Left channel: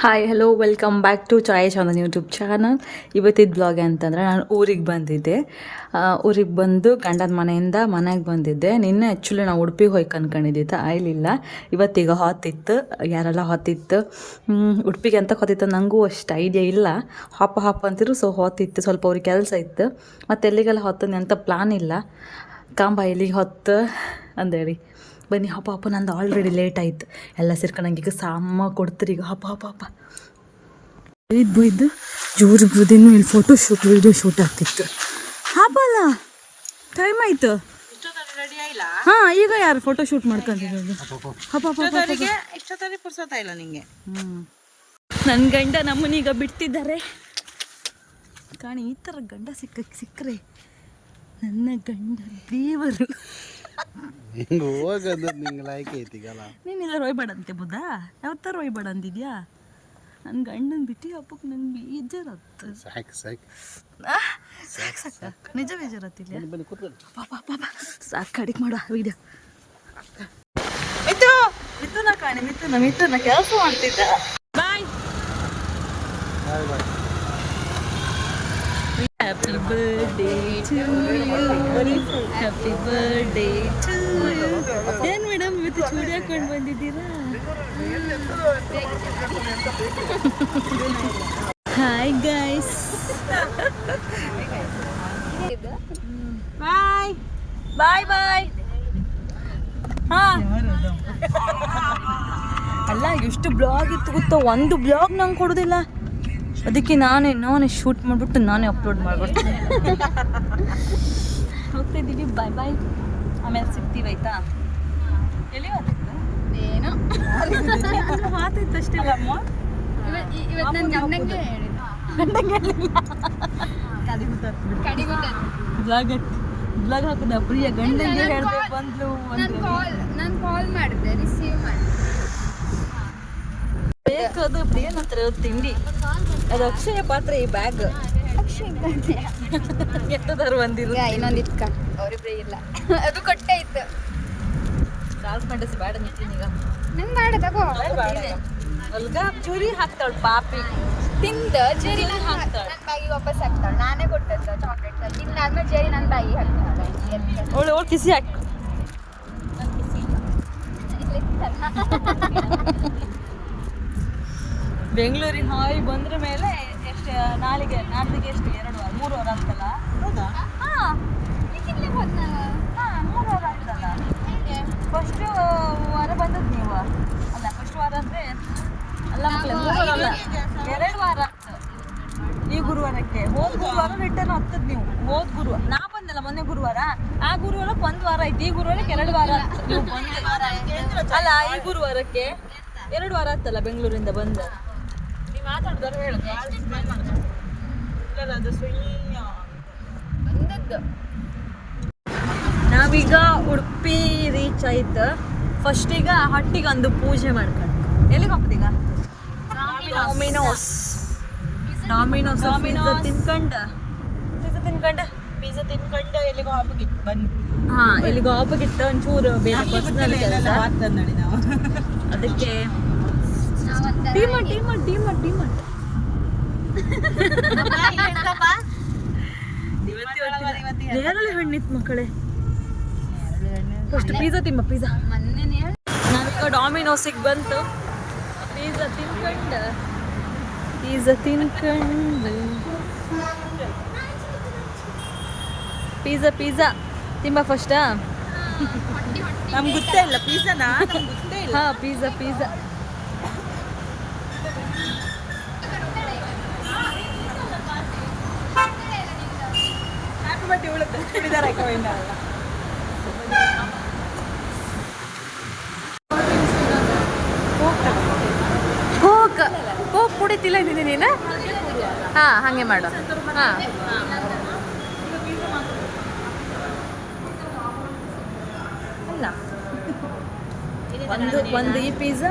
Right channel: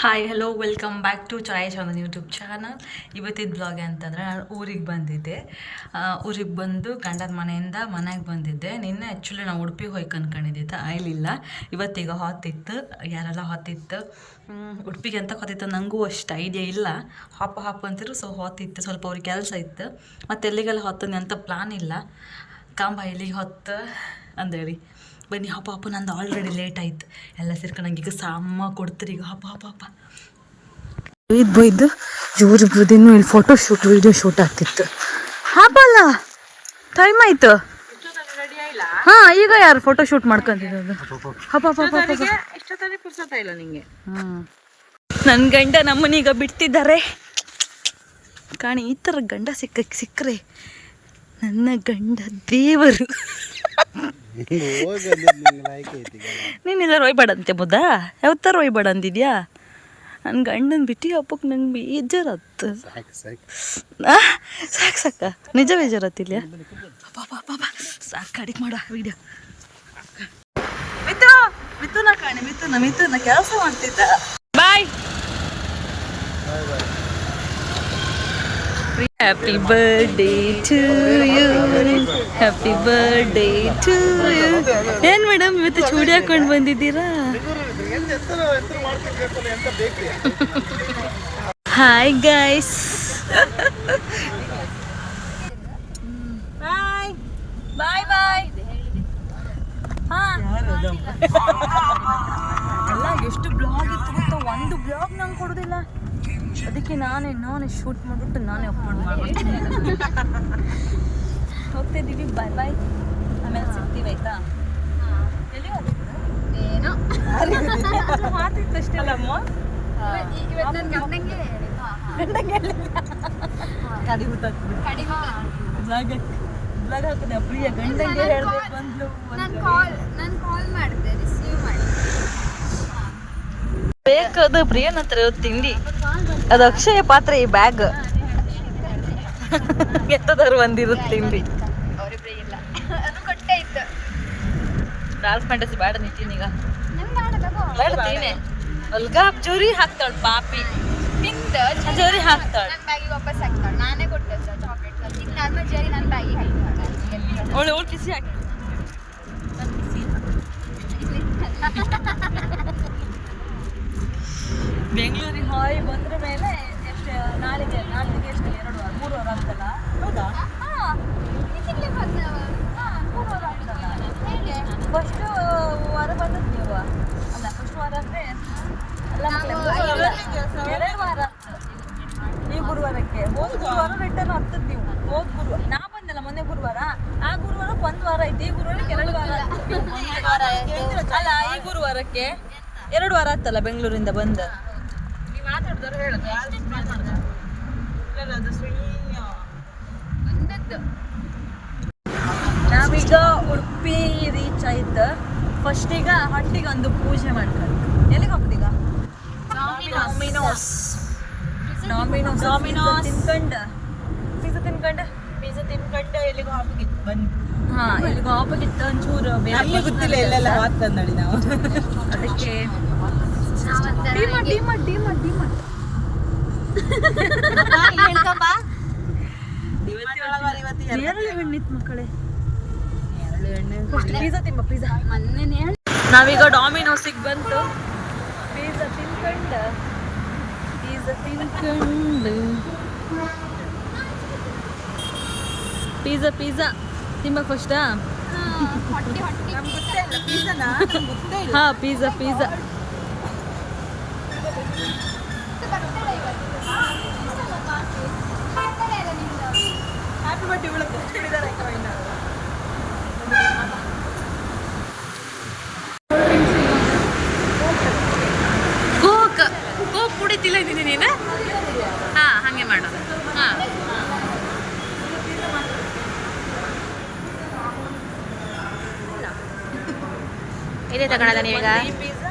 Hi hello welcome back to Chai channel YouTube channel. ಇವತ್ತಿದ್ದು blog ಅಂತಂದರೆ ನಾನು ಊರಿಗೆ ಬಂದಿದ್ದೆ. ಊರಿಗೆ ಬಂದು ಗಂಡನ ಮನೆಯಿಂದ ಮನೆಗೆ ಬಂದಿದ್ದೆ. ನಿನ್ನೆ ಆ್ಯಕ್ಚುಲಿ ನಾವು ಉಡುಪಿಗೆ ಹೋಗಿ ಅನ್ಕೊಂಡಿದ್ದಿತ್ತು, ಆಯ್ಲಿಲ್ಲ. ಇವತ್ತೀಗ ಹೊತ್ತಿತ್ತು, ಯಾರೆಲ್ಲ ಹೊತ್ತಿತ್ತು ಉಡುಪಿಗೆ ಅಂತ ಹೊತ್ತಿತ್ತು. ನನಗೂ ಅಷ್ಟು ಐಡಿಯಾ ಇಲ್ಲ, ಹಾಪ ಅಂತಿರು. ಸೊ ಹೊತ್ತಿತ್ತು, ಸ್ವಲ್ಪ ಅವ್ರಿಗೆ ಕೆಲಸ ಇತ್ತು. ಮತ್ತು ಎಲ್ಲಿಗೆಲ್ಲ ಹೊತ್ತನೆ ಅಂತ ಪ್ಲ್ಯಾನ್ ಇಲ್ಲ. ಕಾಂಬ ಇಲ್ಲಿಗೆ ಹೊತ್ತು ಅಂದೇಳಿ ಬನ್ನಿ. ಹಪ್ಪ ನಂದು ಆಲ್ರೆಡಿ ಲೇಟ್ ಆಯಿತು. ಎಲ್ಲ ಸೇರ್ಕೊಂಡು ನಂಗೆ ಈಗ ಸಾಮ ಕೊಡ್ತೀರಿ. ಈಗ ಹಪ್ಪ ಬೈದು ಜೋರು ಬುದಿನೂ ಇಲ್ಲಿ ಫೋಟೋ ಶೂಟ್ ವಿಡಿಯೋ ಶೂಟ್ ಆಗ್ತಿತ್ತು. ಹಾಪಲ್ಲ ಟೈಮ್ ಆಯಿತು. ಹಾಂ, ಈಗ ಯಾರು ಫೋಟೋ ಶೂಟ್ ಮಾಡ್ಕೊಂತಿರೋದು? ನನ್ನ ಗಂಡ ನಮ್ಮನೀಗ ಬಿಡ್ತಿದ್ದಾರೆ ಕಾಣಿ. ಈ ಥರ ಗಂಡ ಸಿಕ್ಕರೆ ನನ್ನ ಗಂಡ ದೇವರು. ನೀನಿಲ್ಲ ರೋಯ್ಬೇಡಂತೆ ಮುದ್ದ, ಯಾವತ್ತಾರ ರೋಯ್ಬೇಡ ಅಂದಿದ್ಯಾ? ನನ್ನ ಗಂಡನ ಬಿಟ್ಟು ಹಬ್ಬಕ್ಕೆ ನಂಗೆ ಬೇಜಾರತ್ತು. ಸಾಕು ನಿಜ ಬೇಜಾರತ್ತಿಲ್ಲ. ಸಾಕು ಅಡಿಗೆ ಮಾಡ ವಿಡಿಯೋ. ಮಿಥುನ ಕಾಣಿ, ಮಿಥುನ ಕೆಲಸ ಮಾಡ್ತಿದ್ದ. Bye. Happy birthday to you, happy birthday to you. ಏನು ಮೇಡಮ್ ಇವತ್ತು ಚೂಡಿ ಹಾಕೊಂಡು ಬಂದಿದ್ದೀರಾ? Hi guys. Bye bye bye. ಹಾಂ ಅಲ್ಲ, ಎಷ್ಟು ಬ್ಲಾಗ್ ಇತ್ತು ಗೊತ್ತಾ? ಒಂದು ಬ್ಲಾಗ್ ನಂಗೆ ಕೊಡೋದಿಲ್ಲ. ಅದಕ್ಕೆ ನಾನೇ ಶೂಟ್ ಮಾಡಿಬಿಟ್ಟು ನಾನೇ ಅಪ್ಲೋಡ್ ಮಾಡ್ಬಿಡ್ತೀನಿ. ಹೋಗ್ತಿದ್ದೀವಿ, ಬಾಯ್ ಬಾಯ್. ಆಮೇಲೆ ಸಿಗ್ತೀವಿ ಆಯ್ತಾ? ಎಲ್ಲಿ ಏನೋ ಮಾತಿತ್ತು ಅಷ್ಟೇ ಅಲ್ಲಮ್ಮ. ಇವತ್ತು ನನ್ನ ಗಂಡಂಗೆ ಬ್ಲಾಗ್ ಹಾಕಿದ ಪ್ರಿಯ ಗಂಡಂಗೆ ಹೇಳ್ಬೇಕು ಬಂದ್ಲು. ನಾನು ಕಾಲ್ ಮಾಡಿದೆ, ರಿಸೀವ್ ಮಾಡಿ. ಬೇಕದು ಪ್ರಿಯನ ಹತ್ರ ತಿಂಡಿ. ಅದು ಅಕ್ಷಯ ಪಾತ್ರೆ, ಈ ಬ್ಯಾಗ್ ಎತ್ತದಾರು ಬಂದಿರುತ್ತೆ ತಿಂಡಿ. ಅದು ಕೊಟ್ಟೆ ಇತ್ತು. ದಾಲ್ ಫ್ಯಾಂಟಸಿ ಬೇಡ ನಿಂತೀನೀಗ. ಬೇಡ ತಿನ್ನೆ. ಒಲ್ಗಾಬ್ ಜೂರಿ ಹಾಕ್ತಾಳು ಪಾಪಿ. ಜೇರಿ ಹಾಕ್ತಾಳೆ, ವಾಪಸ್ ಹಾಕ್ತಾಳೆ. ನಾನೇ ಕೊಟ್ಟದ್ದು ಚಾಕ್ಲೇಟ್. ತಿಂದಾದ್ಮೇಲೆ ಜೇರಿ ನನ್ನ ಬ್ಯಾಗಿಗೆ ಹಾಕ್ತಾಳೆ. ಅವಳು ಕಿಸಿ ಹಾಕಿ. ಬೆಂಗಳೂರಿಗೆ ಹಾಯ್ ಬಂದ್ರ ಮೇಲೆ ಎಷ್ಟು ನಾಳೆಗೆ ಎಷ್ಟು 2 ವಾರ 3 ವಾರ ಅಂತಲ್ಲ? ಹೌದಾ? ಹಾಂ, 3 ವಾರ ಆಗ್ತಲ್ಲ. ಫಸ್ಟ್ ವಾರ ಬಂದದ್ದು ನೀವು ಅಲ್ಲ? ಫಸ್ಟ್ ವಾರ ಅಂದರೆ ಅಲ್ಲ, 2 ವಾರ ಆಗ್ತದೆ. ಈ ಗುರುವಾರಕ್ಕೆ ಹೋದ ಗುರುವಾರ ರಿಟರ್ನ್ ಆಗ್ತದೆ ನೀವು. ಹೋದ ಗುರುವಾರ ನಾ ಬಂದಲ್ಲ ಮೊನ್ನೆ ಗುರುವಾರ. ಆ ಗುರುವಾರಕ್ಕೆ 1 ವಾರ ಆಯ್ತು. ಈ ಗುರುವಾರಕ್ಕೆ 2 ವಾರ ಆಗ್ತದೆ. ನೀವು ಅಲ್ಲ, ಈ ಗುರುವಾರಕ್ಕೆ 2 ವಾರ ಆಗ್ತಲ್ಲ ಬೆಂಗಳೂರಿಂದ ಬಂದ. ನಾವೀಗ ಉಡುಪಿ ರೀಚ್ ಆಯ್ತು. ಫಸ್ಟ್ ಈಗ ಹೊಟ್ಟಿಗೆ ಒಂದು ಪೂಜೆ ಮಾಡ್ಕೊಂಡು ಎಲ್ಲಿಗೆ ಹೋಗ್ತೀಗ? ಡಾಮಿನೋಸ್ ಪಿಜ್ಜಾ ತಿನ್ಕೊಂಡು ಎಲ್ಲಿಗೋ ಹೋಗ್ಬೇಕಿತ್ತು. ಬನ್ನಿ. ಹಾಂ, ಎಲ್ಲಿಗೋ ಹೋಗ್ಬೇಕಿತ್ತು ಒಂಚೂರು ಬೇರೆ. ನಾವು ಅದಕ್ಕೆ ಡಿಮಾರ್ಟ್ ನೇರಳೆ ಹಣ್ಣಿತ್ತು ಮಕ್ಕಳೇ. First pizza pizza. ನಾವೀಗ ಡಾಮಿನೋಸಿಗೆ ಬಂತು. ಪಿಜ್ಜಾ ತಿನ್ಕೊಂಡು ಪಿಜ್ಜಾ ತಿಂಬ ಫಸ್ಟಾ? ಹಾಂ, ಪಿಜ್ಜಾ. ಹ್ಯಾಪಿ ಬರ್ಡೇ ಉಳದ್ದು ಚೂಡಿದಾರ ಕೋಕ್ ಕುಡಿತಿಲ್ಲ ಇದ್ದೀನಿ ನೀನು? ಹಾಂ, ಹಾಗೆ ಮಾಡು. ಹಾಂ, ಇದೇ ತಗೊಳ್ಳೋದ ನೀವೀಗ? ಈ ಪಿಜ್ಜಾ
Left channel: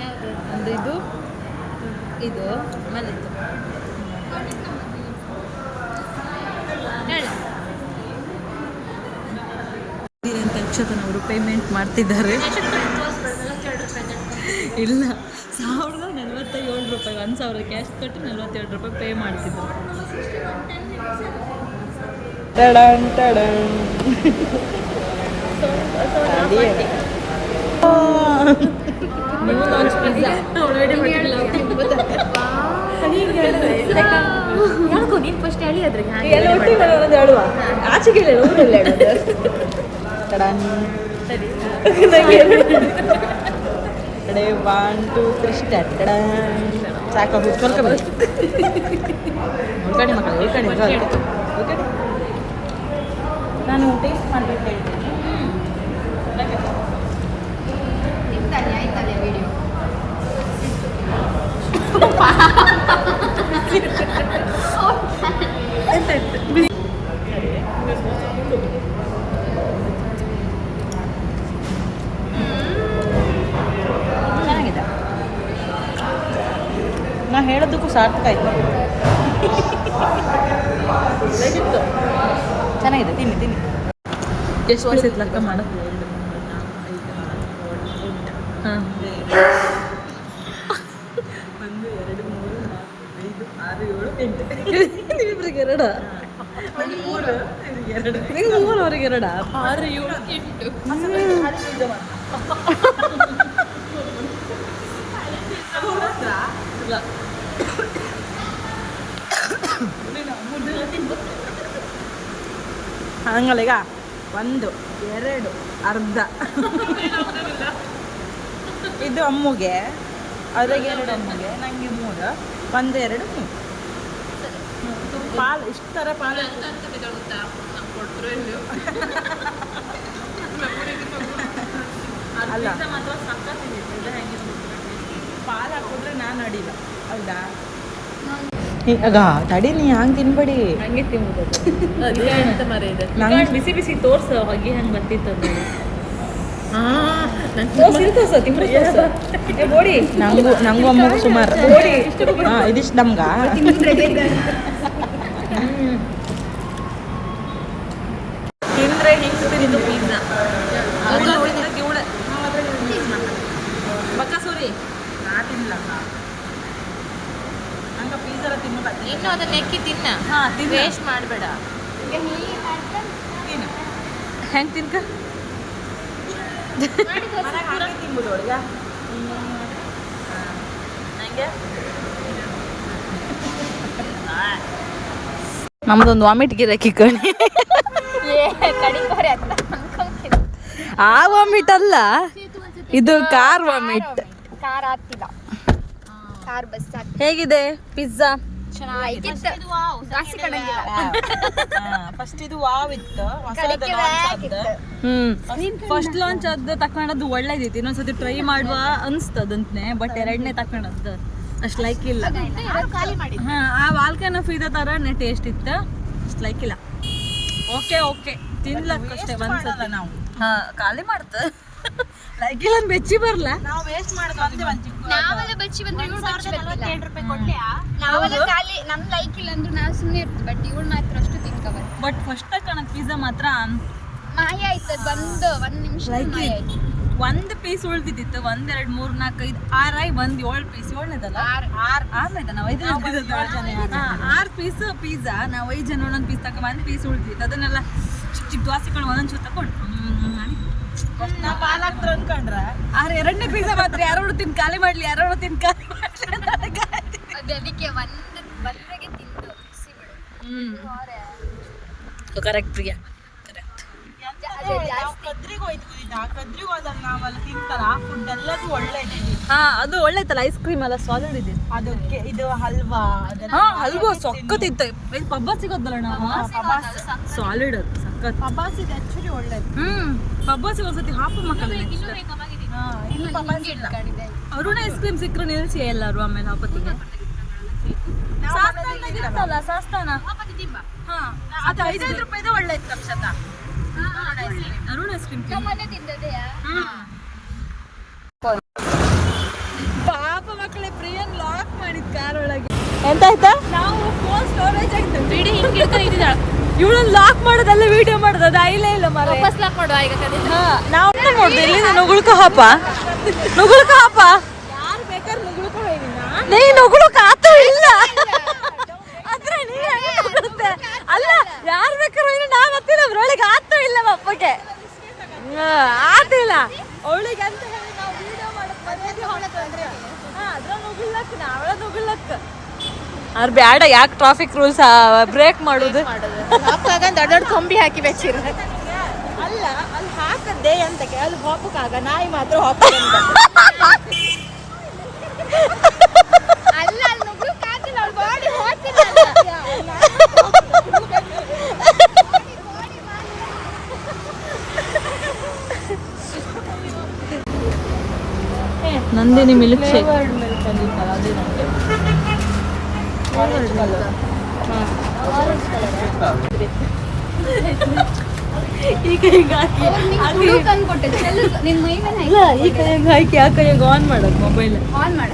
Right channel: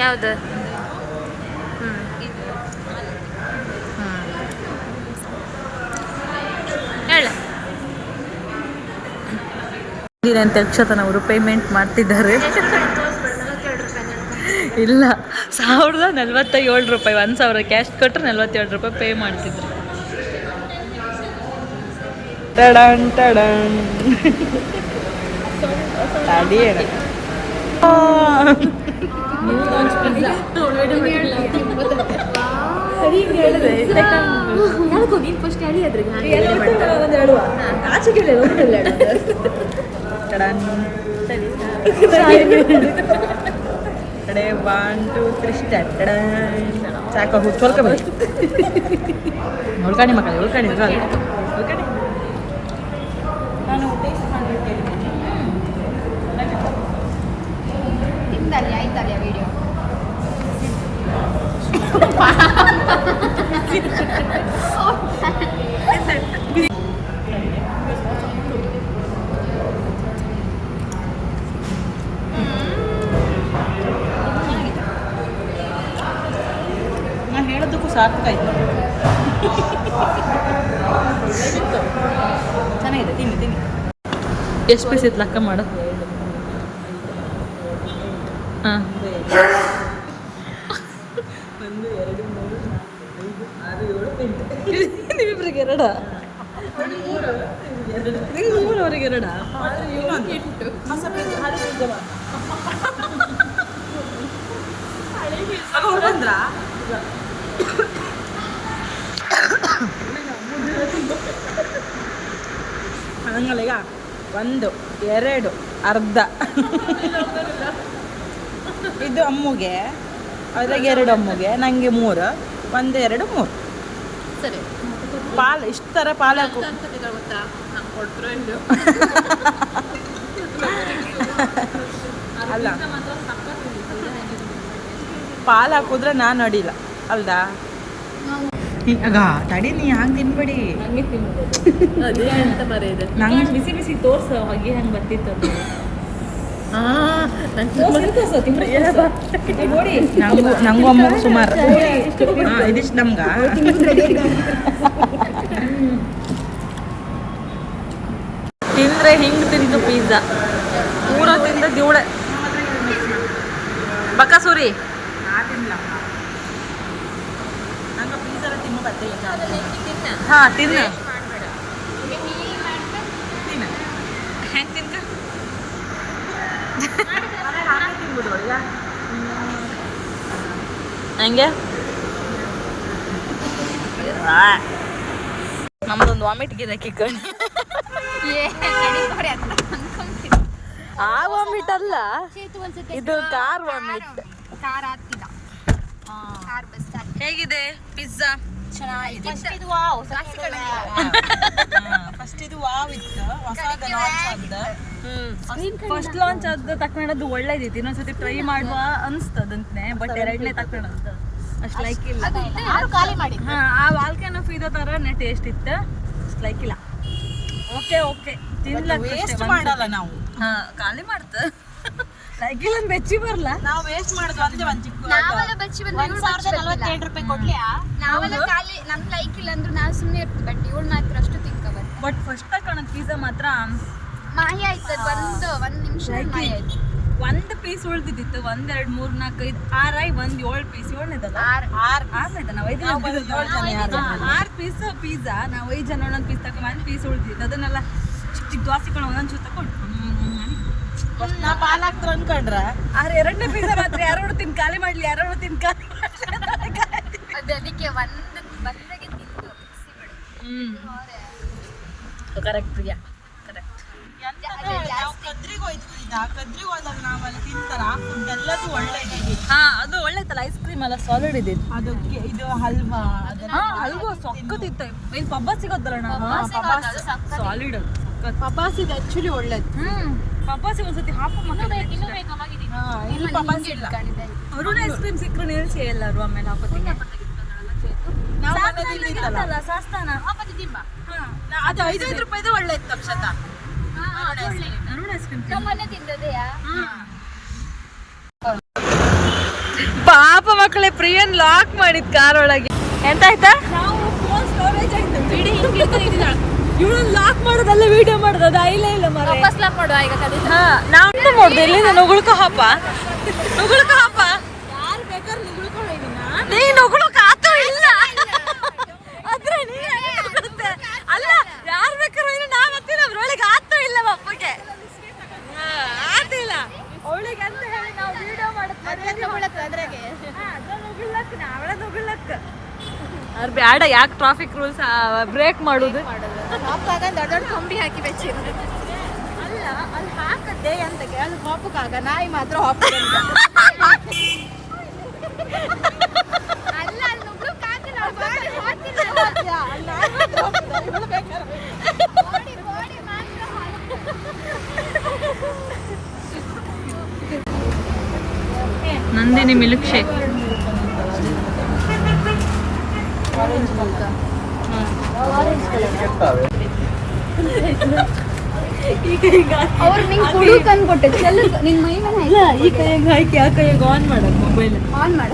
ಯಾವುದು ಇದು? ಇದು ಹೇಳ. ಅಂತ ಯಕ್ಷತನ ಅವರು ಪೇಮೆಂಟ್ ಮಾಡ್ತಿದ್ದಾರೆ. ಇಲ್ಲ 1047 ರೂಪಾಯಿ, 1000 ಕ್ಯಾಶ್ ಕೊಟ್ಟರೆ 47 ರೂಪಾಯಿ ಪೇ ಮಾಡ್ತಿದ್ರು. ಟಡನ್ ಟಡನ್ ನೀನ್ ಫಸ್ಟ್ ಹೇಳಿ ಅದ್ರಿಗೆ ಆಚೆಗೆ ಕಡೆ 1 2 3 ಸ್ಟಾರ್ಟ್. ಸಾಕು ಹುಡ್ಕೊಳ್ಕೊಬೇಡಿ, ಉಳ್ಕಣಿ ಮಕ್ಕಳು ಉಳ್ಕಣಿ ಉಳ್ಕಣಿ. ನಾನು ಟೇಸ್ಟ್ ಮಾಡ್ಬೇಕು ಹೇಳ್ತೀನಿ. ಆಯ್ತಲ್ಲ ವಿಡಿಯೋ ನಾ ಹೇಳೋದಕ್ಕೂ ಸಾರ್ಥಕ ಆಯ್ತು. ಚೆನ್ನಾಗಿದೆ, ತಿನ್ನಿ ತಿನ್ನಿ. ಎಷ್ಟು ಪೀಸ್ ಇತ್ತು ಲೆಕ್ಕ ಮಾಡು. ಹಾಂ 1 2 3 4 5 6 7 8 ನೀವಿಬ್ರಿಗೆ ಎರಡ? ನಿಂಗೆ 3 ಅವ್ರಿಗೆ ಎರಡ? 6 7 8 ಅವ್ರು ಬಂದ್ರಾ? ಇಲ್ಲ. ಹಂಗಲ್ಲ, ಈಗ 1 2 ಅರ್ಧ ಇದು ಅಮ್ಮಗೆ, ಅದ್ರಾಗ 2 ಅಮ್ಮಗೆ, ನನಗೆ 3 1 2 3 ಪಾಲು. ಇಷ್ಟು ಥರ ಪಾಲು ಹಾಕು. ಅಲ್ಲ, ಪಾಲು ಹಾಕಿದ್ರೆ ನಾನು ಅಡಿಲ್ಲ ಅಲ್ದಾ? ಆಗ ತಡಿ, ನೀ ಹಂಗೆ ತಿನ್ಬೇಡಿ. ಹಂಗೆ ತಿನ್ಬೋದು. ಅದೇ ಅಂತ ಮರ ಇದೆ. ನಂಗೆ ಬಿಸಿ ಬಿಸಿ ತೋರ್ಸು ಹೊಗೆ ಹಂಗೆ ಬರ್ತಿತ್ತು ನೋಡಿ. ನಂಗೂ ಅಮ್ಮಗೂ ಸುಮಾರು. ಹಾಂ, ಇದಿಷ್ಟು ನಮ್ಗ ತಿಂದ್ರೆ ಹಿಂಗೆ ತಿಂದು ಪಿಜ್ಜಾ ಧೂಳ ಬಕ್ಕಸೂರಿ. ನಾ ತಿನ್ನಲ್ಲ, ನಂಗೆ ಪಿಜ್ಜಾ ಎಲ್ಲ ತಿನ್ನು ಬರ್ತೀನಿ. ಹಾಂ, ತಿನ್ನ ಮಾಡಬೇಡ. ತಿನ್ನ ಹೆಂಗೆ ತಿನ್ಕ ಹಂಗೆ. ನಮ್ದೊಂದು ವಾಮಿಟ್ ಗಿರಾಕಿ ಕಣಿ. ಆ ವಾಮಿಟ್ ಅಲ್ಲ, ಇದು ಕಾರ್ ವಾಮಿಟ್. ಹೇಗಿದೆ ಪಿಜ್ಜಾ? ಫಸ್ಟ್ ಇದು ವಾವ್ ಇತ್ತು, ಹೊಸದು ಲಾಂಚ್ ಆದ. ಫಸ್ಟ್ ಲಾಂಚ್ ಆದ ತಕೊಂಡದ್ದು ಒಳ್ಳೇದಿತ್ತು. ಇನ್ನೊಂದ್ಸತಿ ಟ್ರೈ ಮಾಡುವ ಅನ್ಸ್ತದಂತೆ. ಬಟ್ 2ನೇ ತಕೊಂಡದ್ದು ಅಷ್ಟು ಲೈಕ್ ಇಲ್ಲ. ಹಾ, ಆ ವಾಲ್ಕನ್ ಆಫ್ ಇದೇ ಥರನೇ ಟೇಸ್ಟ್ ಇತ್ತು, ಅಷ್ಟು ಲೈಕ್ ಇಲ್ಲ. ಓಕೆ ಓಕೆ, ತಿನ್ಲಕ್ಕಷ್ಟೇ ಮಾಡಲ್ಲ ನಾವು. ಹಾಂ, ಖಾಲಿ ಮಾಡ್ತ ಲೈಕ್ ಇಲ್ಲ ಬೆಚ್ಚಿ ಬರಲ್ಲ. ನಾವು ವೇಸ್ಟ್ ಮಾಡಿದ್ವಿ. ನಾವೆಲ್ಲ ಬಚ್ಚಿ ಬಂದ್ರೆ ಇವಳು ಬಚ್ಚಿ ಬರ್ತಿಲ್ಲ. 47 ರೂಪಾಯಿ ಕೊಡ್ಲಿಯಾ? ನಾವೆಲ್ಲ ಖಾಲಿ ನಮ್ಗೆ ಲೈಕ್ ಇಲ್ಲ ಅಂದ್ರೆ ನಾವು ಸುಮ್ಮನೆ ಇರ್ತೀವಿ. ಬಟ್ ಇವಳು ಮಾತ್ರ ಅಷ್ಟು ತಿನ್ಕೋಬಾರ್ದು. ಬಟ್ ಫಸ್ಟ್ ತಗೊಳಕ್ ಪಿಜ್ಜಾ ಮಾತ್ರ ಮಾಯ ಆಯ್ತು. ಒಂದು ನಿಮಿಷ ಮಾಯ ಆಯ್ತು. 1 ಪೀಸ್ ಉಳ್ದಿದ್ದಿತ್ತು. 1 2 3 4 5 6 1 7 ಪೀಸ್. 7ನೇದಲ್ಲ, 6ನೇದ. ನಾವು 5 ಪೀಸ್ ಪಿಜ್ಜಾ. ನಾವು 5 ಜನ ಒಂದೊಂದು ಪೀಸ್ ತಗೊಂಡು 1 ಪೀಸ್ ಉಳ್ದಿತ್ತು. ಅದನ್ನೆಲ್ಲ ಚಿಕ್ಕ ಚಿಕ್ಕ ದೋಸೆಗಳು ಒಂದೊಂದು ಚೂರು ತಗೊಂಡು ಅನ್ಕೊಂಡ್ರೆ 2ನೇ ಪಿಜ್ಜಾ ಮಾತ್ರ ಯಾರೋ ತಿನ್ ಖಾಲಿ ಮಾಡ್ಲಿ, ಯಾರೋ ತಿನ್ ಖಾಲಿ ಮಾಡ್ಲಿ. ಅದಕ್ಕೆ ಒಂದು ಬರ್ರಿಗೆ ತಿಂದು ಕರೆಕ್ಟ್ ಪ್ರಿಯಾ, ಕರೆಕ್ಟ್. ಕದ್ರಿಗೆ ಹೋದಾಗ ನಾವೆಲ್ಲ ತಿಂತಾರ ಫುಡ್ ಎಲ್ಲದು ಒಳ್ಳೇದು. ಹಾ, ಅದು ಒಳ್ಳೇದಲ್ಲ. ಐಸ್ ಕ್ರೀಮ್ ಎಲ್ಲ ಸಾಲಿಡ್ ಇದೆ. ಅದಕ್ಕೆ ಇದು ಹಲ್ವಾ, ಹಲ್ವಾ ಸೊಕ್ಕತ್ತಿತ್ತು. ಪಬ್ಬ ಸಿಗೋದಲ್ಲ ನಾವು, ಸಾಲಿಡ್ ಅದು ಸಕ್ಕತ್. ಪಬ್ಬಾಸ್ ಇದೆ ಆಕ್ಚುಲಿ ಒಳ್ಳೇದು. ಪಬ್ಬಾಸಿ ಒಂದ್ಸತಿ ಹಾಪ ಮಕ್ಕಳು ಅರುಣ ಐಸ್ ಕ್ರೀಮ್ ಸಿಕ್ಕರು ನಿಲ್ಸಿ ಎಲ್ಲರೂ. ಆಮೇಲೆ ಹಾಕೋತೀನಿ ಸಾಸ್ತಾನ. ಅದು 5 ರೂಪಾಯಿದೆ ಒಳ್ಳೆ ಇತ್ತು. ಅರುಣ ಐಸ್ ಕ್ರೀಮ್ ಪಾಪ ಮಕ್ಕಳೇ ಪ್ರಿಯನ್ ಲಾಕ್ ಮಾಡಿದ್ ಕಾರ್ ಒಳಗೆ. ಎಂತ ಆಯ್ತಾ? ನಾವು ಫೋನ್ ಸ್ಟೋರೇಜ್ ಆಯ್ತು. ಇವಳನ್ನ ಲಾಕ್ ಮಾಡೋದಲ್ಲ, ವಿಡಿಯೋ ಮಾಡೋದು. ಅದು ಐಲೇ ಇಲ್ಲ ಮರ. ಲಾಕ್ ಮಾಡುವ ಈಗ. ನಾವು ಮಾಡುದು ಎಲ್ಲಿಂದ ಉಳ್ಕೋ ಹಾಪ. ನುಗ್ಳುಕ ಹಾಪ ಯಾರು ಬೇಕಾದ್ರೆ ಮುಗುಳ್ಕೊ ಹೋಗಿನ ನೀ ನುಗ್ಳುಕ ಆತು ಇಲ್ಲ ಆದ್ರೆ ನೀ ನುಗ್ಳುತ್ತೆ. ಅಲ್ಲ ಯಾರು ಬೇಕಾದ್ರೆ ನಾ ಬರ್ತೀನಿ ಅದ್ರೊಳಗೆ ಆತು ಇಲ್ಲ ಅಪ್ಪಗೆ ಆತಿಲ್ಲ ಅವಳಿಗೆ ಅಂತ ಹೇಳಿ ನಾವು ವಿಡಿಯೋ ಮಾಡಕ್ ಮರ್ಯಾದೆ ಹೊಡ್ತಂದ್ರೆ ಅದ್ರ ನುಗ್ಲಕ್ ನಾವಳ ನುಗ್ಲಕ್ ಅವ್ರು ಬ್ಯಾಡ ಯಾಕೆ ಟ್ರಾಫಿಕ್ ರೂಲ್ಸ್ ಬ್ರೇಕ್ ಮಾಡುದು ದೊಡ್ಡ ದೊಡ್ಡ ಕೊಂಬಿ ಹಾಕಿ ಬೆಚ್ಚಿರು. ಅಲ್ಲ ಅಲ್ಲಿ ಹಾಕದ್ದೆ ಅಂತ ಅಲ್ಲಿ ಹೋಪಕ್ಕಾಗ ನಾಯಿ ಮಾತ್ರ ಹೋಪ ಅಲ್ಲ ಅಲ್ಲಿ ನುಗ್ಳು ಕಾತಿಲ್ಲ ಅವ್ಳು ಬಾಡಿ ನಂದಿನಿ ಮಿಲ್ಕ್ ಶೇಕ್ ಈ ಕೈಗೆ ಹಾಕಿ ಆ ಕೈಯಾಗ ಆನ್ ಮಾಡಕ್ ಮೊಬೈಲ್ ಆನ್ ಮಾಡ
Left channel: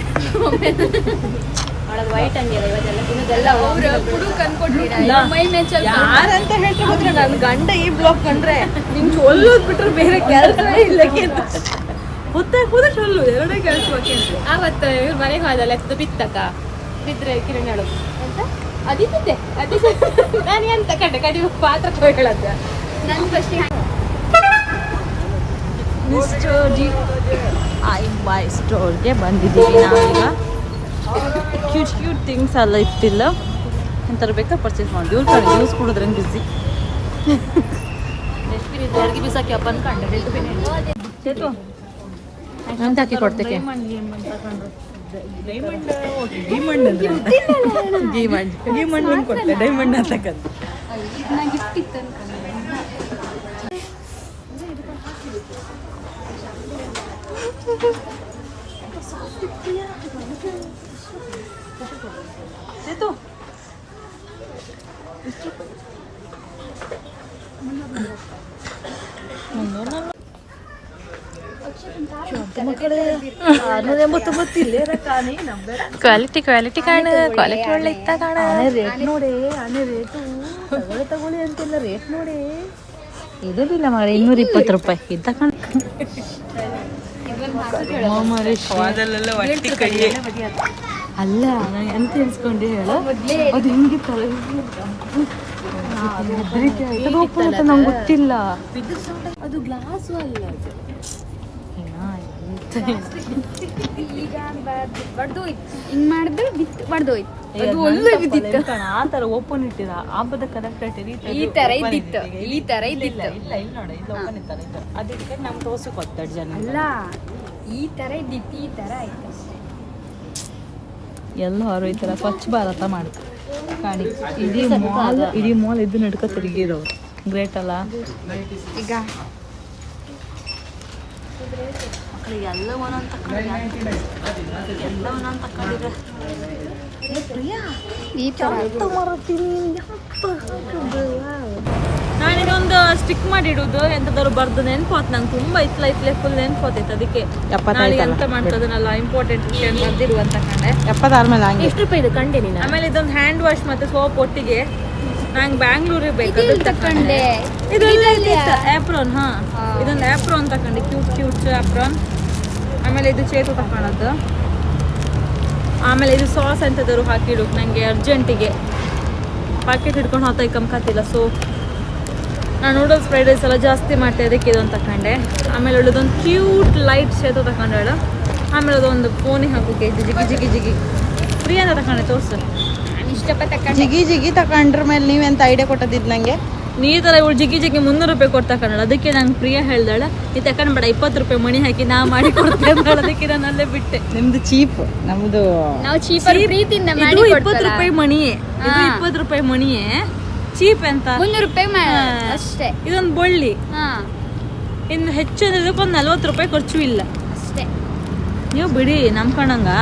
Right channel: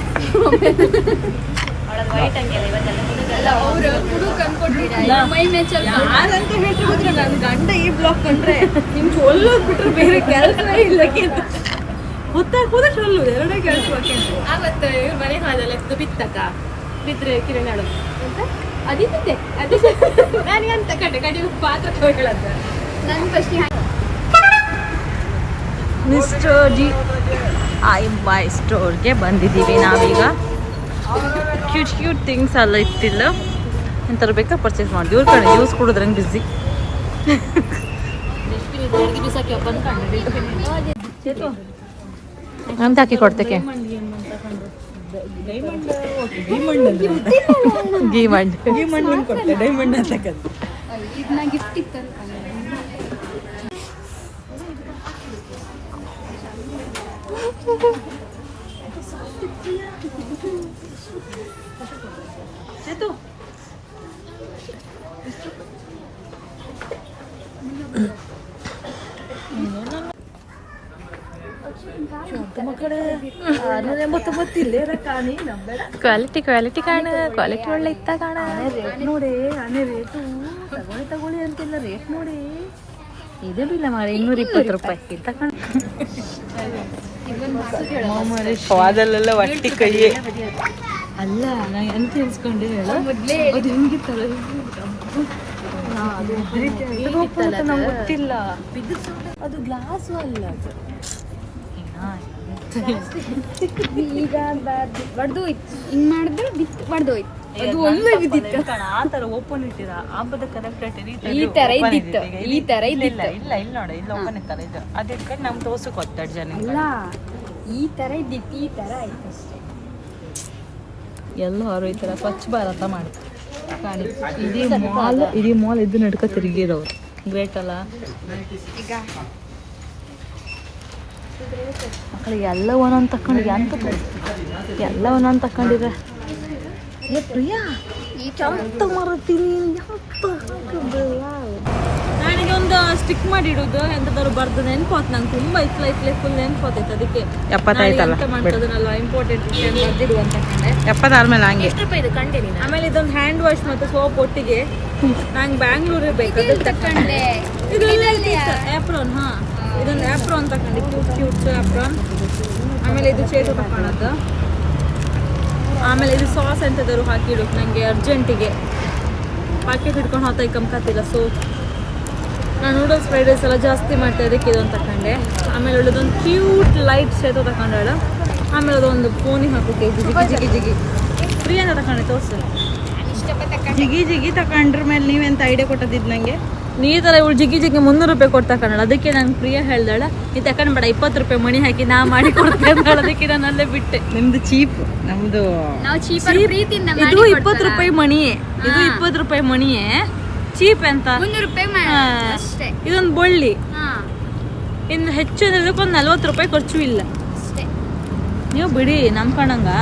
ಅಲ್ಲ ಅವ್ರು ಕುಡುಕ್ ಅನ್ಕೊಟ್ಟಿರ ಮೈ ಮೇಲೆ ಯಾರಂತ ಹೇಳ್ತಿದ್ರೆ ನನ್ನ ಗಂಡ ಈ ಬ್ಲಾಗ್ ಕಂಡ್ರೆ ನಿಮ್ ಚೊಲ್ಲೋದ್ ಬಿಟ್ರೆ ಬೇರೆ ಕೆಲಸವೇ ಇಲ್ಲಕ್ಕೆ ಹೊತ್ತಾಕೋದ್ರೆ ಚೊಲ್ಲು ಎರಡೇ ಕೆಲಸಕ್ಕೆ ಆವತ್ತು ಇವ್ರ ಮನೆಗೆ ಹೋದಲ್ಲ ಬಿತ್ತಕ್ಕ ಬಿದ್ರೆ ಕಿರಣ್ ಹೇಳೋದು ಅಂತ ಅದಿದ್ದೆ ಅದಿದ್ದೆ ನನಗೆ ಅಂತ ಕಟ್ಟೆ ಕಡಿಮೆ ಪಾತ್ರ ಹೇಳದ್ದು ನನ್ನ ಫಸ್ಟ್ ಮಿಸ್ಟರ್ ಜಿ ಐ ಬೈ ಸ್ಟೋರ್ಗೆ ಬಂದಿದ್ದೀವಿ ನಾವೀಗ. ಕ್ಯೂಟ್ ಕ್ಯೂಟ್ ಥಿಂಗ್ಸ್ ಎಲ್ಲ ಇತ್ತಿಲ್ಲ ಎಂಥರ ಬೇಕಾ ಪರ್ಚೇಸ್ ಮಾಡಿ ಇವ್ರ ಕಡೆ ಯೂಸ್ ಕೊಡೋದ್ರಂಗೆ ಬಿಸಿ ಅಡುಗೆ ಬಿಸಾಕಿ ಹಬ್ಬ ಅನ್ಕೊಂಡೆ ಅಂತ ಹಾಕಿ ಕೊಡ್ತೇಕೆ ಗೀಮಂಡ್ ಕೊಡ್ತೆ ಡೈಮಂಡ್ ಅಂತಕ್ಕಂಥ ಗಿಫ್ಟ್ ಇತ್ತು ಅನ್ಕೊಂಡೆ. ಕ್ವಾಲಿಟಿ ಕ್ವಾಲಿಟಿ ಕಾಣ ಕ್ವಾಲಿಟಿ ಒಳ್ಳೆ ಇತ್ತ ಕಾಣ ರೇಟ್ ನೋಡಿ ರೇಟು ತಗೊಳ್ಳಿ ಅಂತಿಲ್ಲ ರೇಟ್ ನೋಡಿ ಇದೇ ಬಿಲ್ಲ ಮಗ 220 ರೂಪಾಯಿ ಇದ್ದ ಕಾಣ ಅದಲ್ಲೆಲ್ಲ ಒಟ್ಟಿ ಕೈಯೇ ಅಲ್ಲ ನಾ ಎಂತ ಎನ್ಸ್ಕೊಂಡೆ ಹೇಳು ಅದು ಹಿಂಗೆ ನಂಗೆ ಗೊತ್ತಿಲ್ಲ ಅದು ಗ್ಲಾಸು ಅಲ್ಲ ಈಗ ಬಡ್ದೋಯ್ತು ಹಿಂಗ್ ಮಾಡಿದ್ರೆ ಬಿತ್ತು ಬಡ್ದೋಯ್ತು ಅದು ಒಳ್ಳೆ ಬಿದ್ದಿತ್ತು ಆ ತರ ಓಪನ್ ಇಟ್ಟಿದ ಹಬ್ಬದ ಕನೆಕ್ಟ್ ಈ ತರ ಇದ್ದಿತ್ತು ಈ ತರ ಇಲ್ಲ ಇದ್ದಿತ್ತು ಇಲ್ಲ ಇಲ್ಲಿ ನೋಡಿ ಇಲ್ಲಿ ಓಪನ್ ಇರ್ತಾರೆ ಇದು ಅದು ಇಟ್ಕೊಂಡು ನಮ್ ತೋರ್ಸಕ್ ಹೋಗ್ತಾಳೆ ಜನ ಅಲ್ಲ ಈ ತರ ಇದ್ದಿತ್ತು ಈ ತರ ಆಯ್ತು ಅಷ್ಟೇ. ಎಲ್ಲರೂ ಈ ತರ ಸ್ವಚ್ಛ ಭಾರತ ಮಾಡಿ ಕಾಣಿ ಇಡೀ ಮಾಲ್ ಇದು ನಡ್ಕ ತಿರುಗಿರೋರು ಗ್ರೇಟ್ ಅಲ್ಲ. ಈಗ ಎಲ್ಲ ಒಂದೊಂದು ತಕೊಂಡಿದ್ರೆ ಎಲ್ಲ ಒಂದೊಂದು ತಕೊಂಡಿದ್ರೆ ನಾನಿದೊಂದು ಸ್ಟಿಕ್ ಮಾಡಿ ಇಡುದು ಎಂತದಾದ್ರು ಬರ್ದು ನೆನ್ಪೋತ್ ನಂಗೆ ತುಂಬಾ ಇತ್ಲೆ ಫುಲ್ ನೆನ್ಪೋತೈತೆ ಅದಕ್ಕೆ ಎಂತ ಮಾಡ್ತದನಲ್ಲ ಇಂಪಾರ್ಟೆಂಟ್ ವಿಷಯ ಬರ್ದಿರು ಅಂತ ಕಂಡೆ 76 ಮೇಲೆ ಹಂಗೆ ಎಷ್ಟು ರೂಪಾಯಿ ಇದು ಕಂಡೆ ನೀನು? ಆಮೇಲೆ ಇದೊಂದು ಹ್ಯಾಂಡ್ ವಾಶ್ ಮತ್ತೆ ಸೋಪ್ ಒಟ್ಟಿಗೆ ನಂಗೆ ಬ್ಯಾಂಗ್ಳೂರಿಗೆ ಬೇಕು ಅದಕ್ಕೆ ತಕೊಂಡೆ. ಇದೆಲ್ಲ ಆಪ್ರೋನ್ ಹಾ ಇದೊಂದು ಆಪ್ರೋನ್ ತಕೊಂಡೆ ಕ್ಯೂಟ್ ಆಪ್ರೋನ್. ಆಮೇಲೆ ಇದು ಚೇತು ತಗೊಳೋದು. ಆಮೇಲೆ ಇದು ಸಾಸ್ ಎಂತದಾದ್ರು ಹಾಕಿಡು ನನಗೆ ಅರ್ಜೆಂಟಿಗೆ ಪಾಕೆಟ್ ಹಿಡ್ಕೊಂಡು ಹೋಗ್ತಾ ಕಮ್ಕತ್ತಿಲ್ಲ. ಸೊ ನಾನು ನೂಡಲ್ಸ್ ಫ್ರೈಡ್ ರೈಸ್ ಎಲ್ಲ ಜಾಸ್ತಿ ಮಾಡ್ತಾ ಇದಕ್ಕೆ ಇದೊಂದು ತಗೊಂಡೆ. ಆಮೇಲೆ ಒಳ್ಳೇದೊಂದು ಕ್ಯೂಟ್ ಲೈಟ್ ಸೇತು ತಗೊಂಡಾಳು. ಆಮೇಲೆ ಅದೊಂದು ಫೋನಿಗೆ ಹಾಕೋಕೆ ಜಿಗಿ ಫ್ರೀ ಅಂತ ತಗೊಂಡೆ ತೋರ್ಸು. ಜಿಗಿ ತಕೊಂಡ್ರ ಮೇಲೆ ನೀವೆಂತ ಐಡಿಯಾ ಕೊಟ್ಟದಿದ್ ನಂಗೆ ನೀ ತರ ಇವಳು ಜಿಗಿ 300 ರೂಪಾಯಿ ಕೊಟ್ಟು ತಕೊಂಡಾಳ. ಅದಕ್ಕೆ ನಂಗೆ ಪ್ರಿಯ ಹೇಳ್ದಾಳ ನೀ ತಕೊಂಡ್ಬೇಡ 20 ರೂಪಾಯಿ ಮಣಿ ಹಾಕಿ ನಾ ಮಾಡಿ ಕೊಡ್ತೇನೆ ಅಂದಾಳ. ಅದಕ್ಕೆ ನಾನು ಅಲ್ಲೇ ಬಿಟ್ಟೆ. ನಿಮ್ದು ಚೀಪ್ ನಮ್ದು ನಾವು ಚೀಪರ್ ಪ್ರೀತಿಯಿಂದ ಇದು 20 ರೂಪಾಯಿ ಮಣಿಯೇ ಇದು 20 ರೂಪಾಯಿ ಮಣಿಯೇ ಚೀಪ್ ಅಂತ 300 ರೂಪಾಯಿ ಅಷ್ಟೇ. ಇದೊಂದು ಬಳ್ಳಿ ಹಾ ಇನ್ನು ಹೆಚ್ಚು ಅಂದ್ರೆ ಇದಕ್ಕೊಂದು 40 ರೂಪಾಯಿ ಖರ್ಚು ಇಲ್ಲ ಅಷ್ಟೇ. ನೀವು ಬಿಡಿ ನಂಬ್ಕೊಂಡಂಗ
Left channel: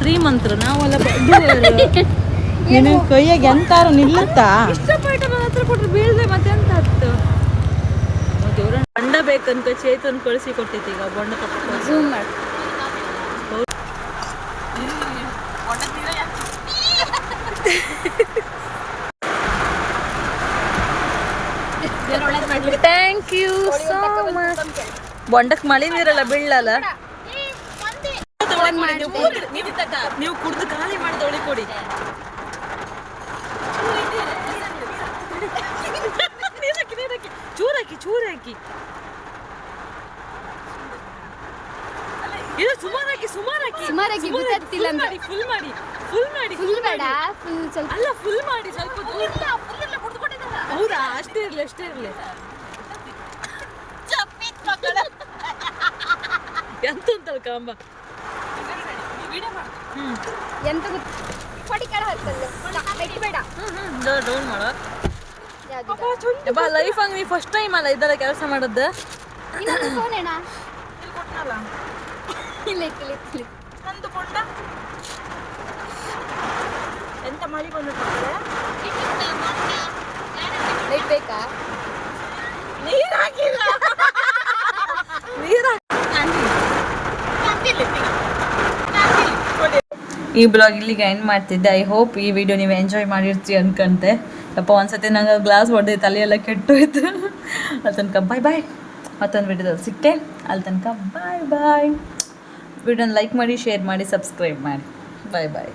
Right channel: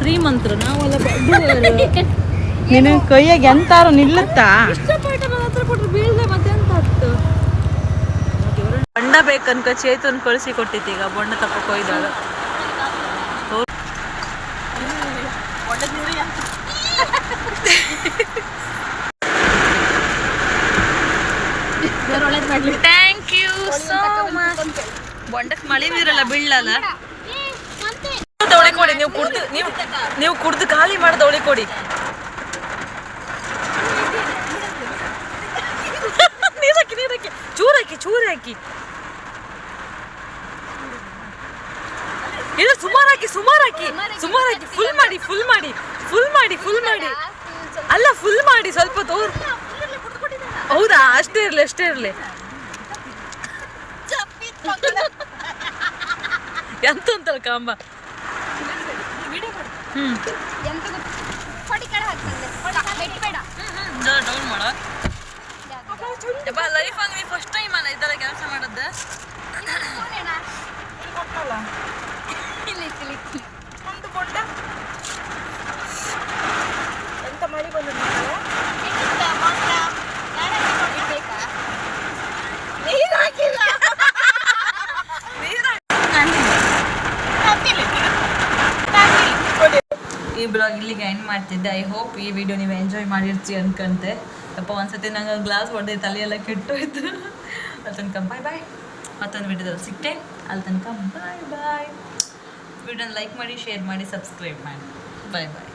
ಶ್ರೀಮಂತರು ನಾವೆಲ್ಲ ಬಡ್ಡಿ ನಿನ್ನ ಕೈಯಾಗ ಎಂತಾರು ನಿಲ್ಲುತ್ತಾ ಇಷ್ಟಪಟ್ಟು ನನ್ನ ಹತ್ರ ಕೊಟ್ರೆ ಬೀಳ್ದೆ ಮತ್ತೆ ಎಂತ ಹತ್ತು ಬೊಂಡ ಬೇಕನ್ಕ ಚೇತನ್ ಕಳಿಸಿ ಕೊಟ್ಟಿತ್ತು. ಈಗ ಬೊಂಡ ತಪ್ಪಕ್ಕೆ ಹೋಯ್ದಾಳ. Thank you so much. ಬೊಂಡಕ್ಕೆ ಮಳೆ ನೀರಲ್ಲ ಬೀಳಲ್ಲ ಅವಳಿ ಕೊಡಿ, ನೀವು ಕುಡ್ದು ಖಾಲಿ ಮಾಡ್ದು ಅವಳಿ ಕೊಡಿ. ನೀರಾಕಿ ಚೂರ್ ಹಾಕಿ ಇಲ್ಲ ಸುಮಾರು ಹಾಕಿ ಫುಲ್ ಮಾಡಿ ಅಲ್ಲ ಫುಲ್ ಮಾಡಿ ಸ್ವಲ್ಪ ತೋರ್. ಹೌದಾ, ಅಷ್ಟೇ ಇರ್ಲಿ ಎಂತ ಅಂತಳ ಕಾಂಬ. ಡೌನ್ ಮಾಡ ಲೈಫ್ ಹಂಗ ನೀ ಫಸ್ಟ್ ಟೈಮ್ ಅಲ್ಲ ಇದೆಲ್ಲ ಕೆಲಸ ಮಾಡದ್ದು. ಎಂತ ಮಳಿ ಬಂದ ಈ ಬ್ಲಾಗ್ ಇಲ್ಲಿಗೆ ಎಂಡ್ ಮಾಡ್ತಿದ್ದೆ. ಐ ಹೋಪ್ ಈ ವಿಡಿಯೋ ನೀವು ಎಂಜಾಯ್ ಮಾಡಿರ್ತೀರಿ ಅನ್ಕಂತೆ. ಅಪ್ಪ ಒಂದ್ಸತಿ ನಂಗೆ ಗ್ಲಾಸ್ ಹೊಡೆದು ತಲೆಯೆಲ್ಲ ಕೆಟ್ಟೋಯ್ತು. ಅಲ್ಲಿ ತನಕ ಬಾಯ್. ಮತ್ತೊಂದು ವಿಡಿಯೋದಲ್ಲಿ ಸಿಕ್ಕೆ. ಅಲ್ಲಿ ತನಕ ಬಾಯ್. ವಿಡಿಯೋನ ಲೈಕ್ ಮಾಡಿ, ಶೇರ್ ಮಾಡಿ, ಸಬ್ಸ್ಕ್ರೈಬ್ ಮಾಡಿ. ಬಾಯ್.